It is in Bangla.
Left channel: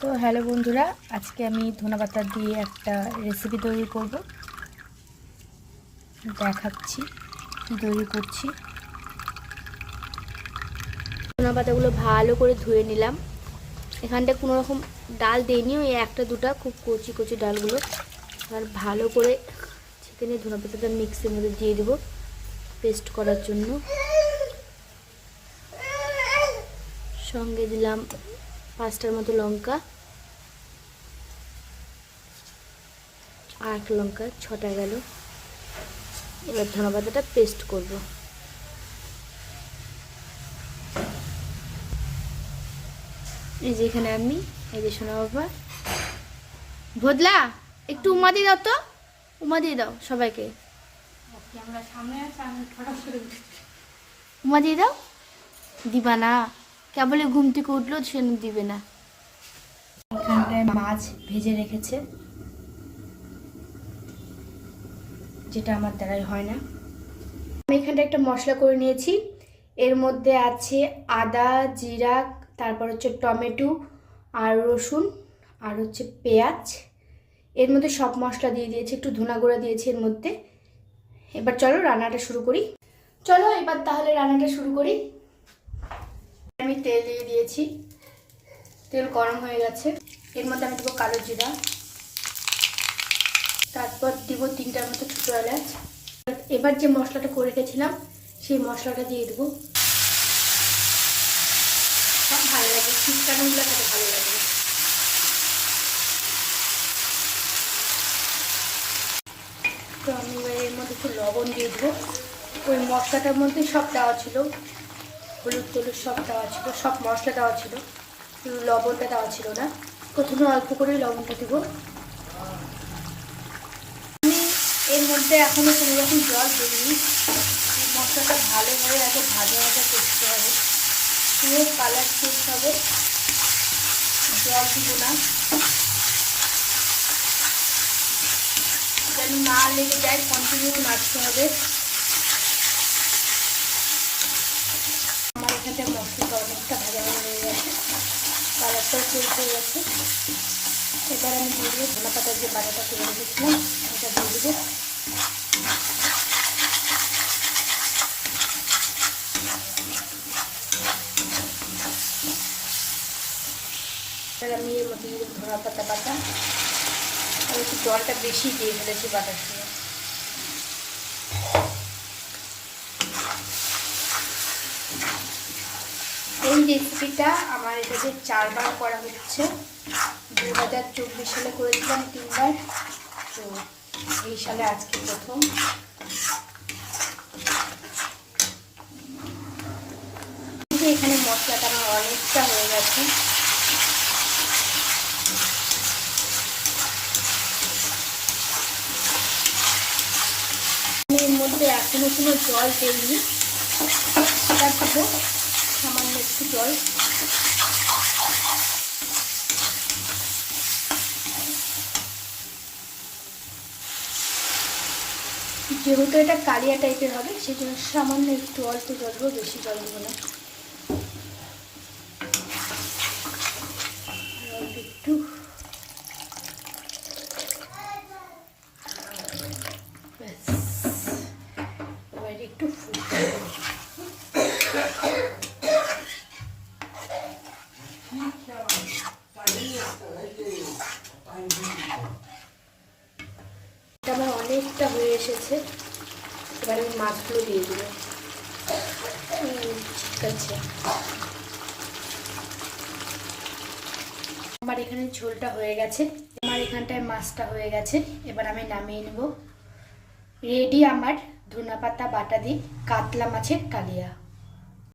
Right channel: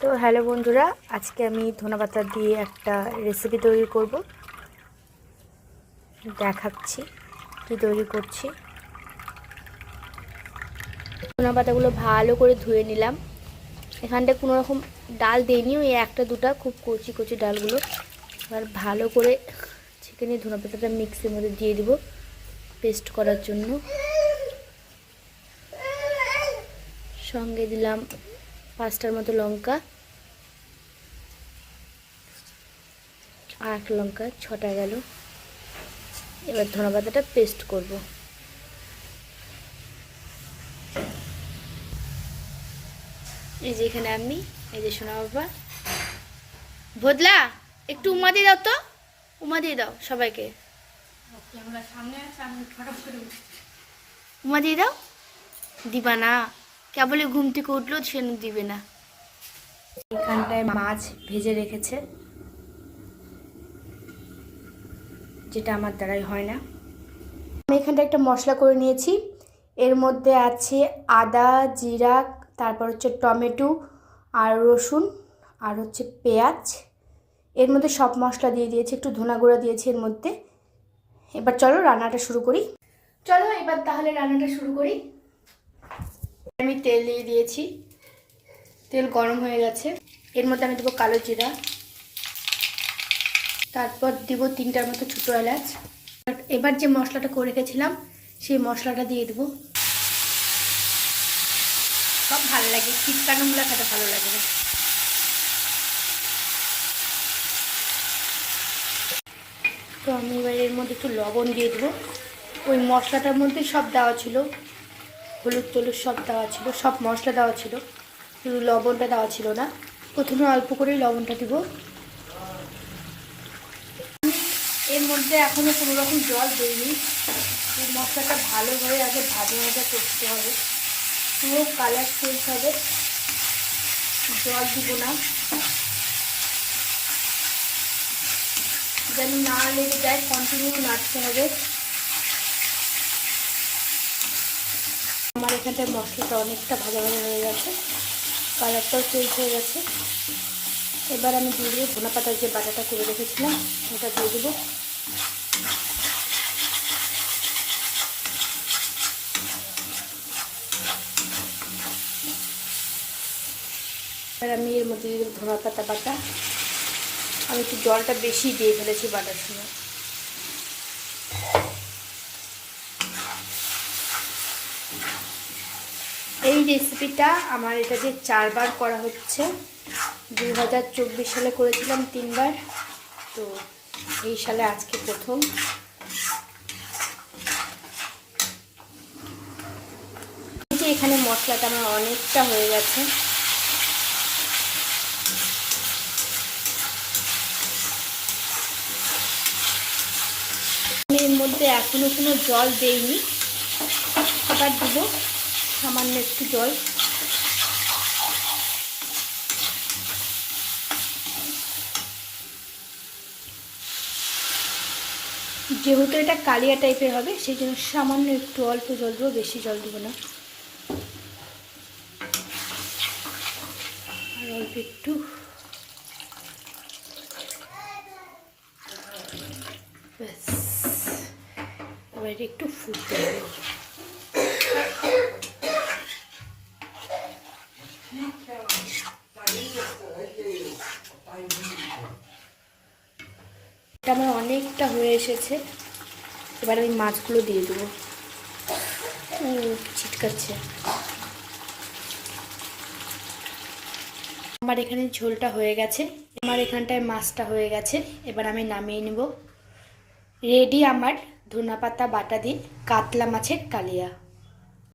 তো হ্যালো বন্ধুরা, আজকে আমি ধনেপাতা দিয়ে একটা রেসিপি তৈরি করব। দেখাচ্ছি কি তৈরি করছি। ধনেপাতাগুলো ভালো করে ধুয়ে নিলাম। এখানটা কোনো রকম ডাল দেইনি, ওই একটা দুটা খুব কচি কচি ডালগুলো। আর ভালো করে ছেঁকে নিয়ে ধনেপাতাটা মিক্সির মধ্যে দিয়ে দেবো পেস্ট করার জন্য। সঙ্গে দিলাম 5টার মতো লঙ্কা, আর লঙ্কা 6টা গেল। এবার ধনেপাতাটা পেস্ট করব। এই যে এখানে আমি, এই যে সোনা বাবা বদলা, একটু উমা দিয়ে দাও তো, উমা দিয়ে দাও সবাইকে, উমা দিয়ে দাও। দিবা না, কেবলই ঘুম থেকে উঠলো সে দিবে না। এখানটায় মাছ ভেজে রেখেছে, যেটা আমার দ্বারাই হয় না। আমি এখানটা একটা মশলা করে নিয়েছি। এর মধ্যে আছে আদা, জিরা, তারপর হচ্ছে টমেটো আর রসুন, আর হচ্ছে পেঁয়াজ। এর মধ্যে সব মশলা দিয়ে দিয়েছি, একটু ধনা গুঁড়া দিয়েছি এর মধ্যে। এবার চলো রান্নাটা শুরু করি। চলো এবার তাহলে রান্নাটা শুরু করি। আমি তেল দিয়ে দিয়েছি, তেল গরম হয়ে গেছে। এর মধ্যে আমি দেবো কালো জিরা, তারপর দিব 3টার মতো ছোটো এলাচ। এবার যে মশলাটা করে রেখেছিলাম সেই মশলাটা দিয়ে দেবো। সব ভালো লাগে, শীতকালগুলো খেতে ভালো লাগে। তো আমি এবার এর মধ্যে একটু লবণ দিয়ে দেবো। ওই মশলাটার মধ্যে সব দেওয়া ছিল, হলুদ টলুদ সব দেওয়া ছিল, সব মশলা দেওয়া ছিল, কিন্তু লবণটা দেওয়া ছিল না। প্রথমে অল্প করেই লবণটা দেবো। আমি এর মধ্যে এখনও কোনো রকম জল দিইনি। এই মশলাটা ভালোভাবে আগে ভাজা ভাজা করতে হবে, পুরো কালার চেঞ্জ হবে। জল দিব না, যেন না লেগে যায়, কন্টিনিউ নাড়তে হবে। আমার এখানটায় মশলাটা অনেকটা ভাজা ভাজা হয়ে গেছে, কালারটাও চেঞ্জ হয়ে গেছে। এবার আমি দিয়ে দেবো ধনেপাতার যে বাটাটা করে রেখেছিলাম ওটা দিয়ে দেবো। এবার আমি এর মধ্যে দিয়ে দেবো ধনেপাতা পাতা। আমি একটু জলটা বেশি দিয়ে ফেলেছি বাটার সময়। এই রেসিপিটা আমার এটাতে 4বার করা হচ্ছে। 2024 সালে করেছিলাম 3বার, তো এই সালে আজকে প্রথম। এখানে মশলাটা আমার অনেকটা হয়ে গেছে। এর মধ্যে এখনো কোনো জল দেইনি, এবার দেবো সামান্য একটু জল। যেহেতু এটা কালিয়া টাইপের হবে সেই জন্য সামান্য একটু অল্প জল দেবো, বেশি জল দেবো না। অল্প একটু, ব্যাস। এবার একটু ফুটতে হবে। এটা আমার অনেকটা হয়ে এসেছে। এবার আমি মাছগুলো দিয়ে দেবো। ঠিক আছে, আমার এখানে ঝোলটা হয়ে গেছে, আমার এখানটায় মাছটা হয়ে গেছে। এবার আমি নামিয়ে নেব। রেডি আমার ধনেপাতা বাটা দিয়ে কাতলা মাছের কালিয়া।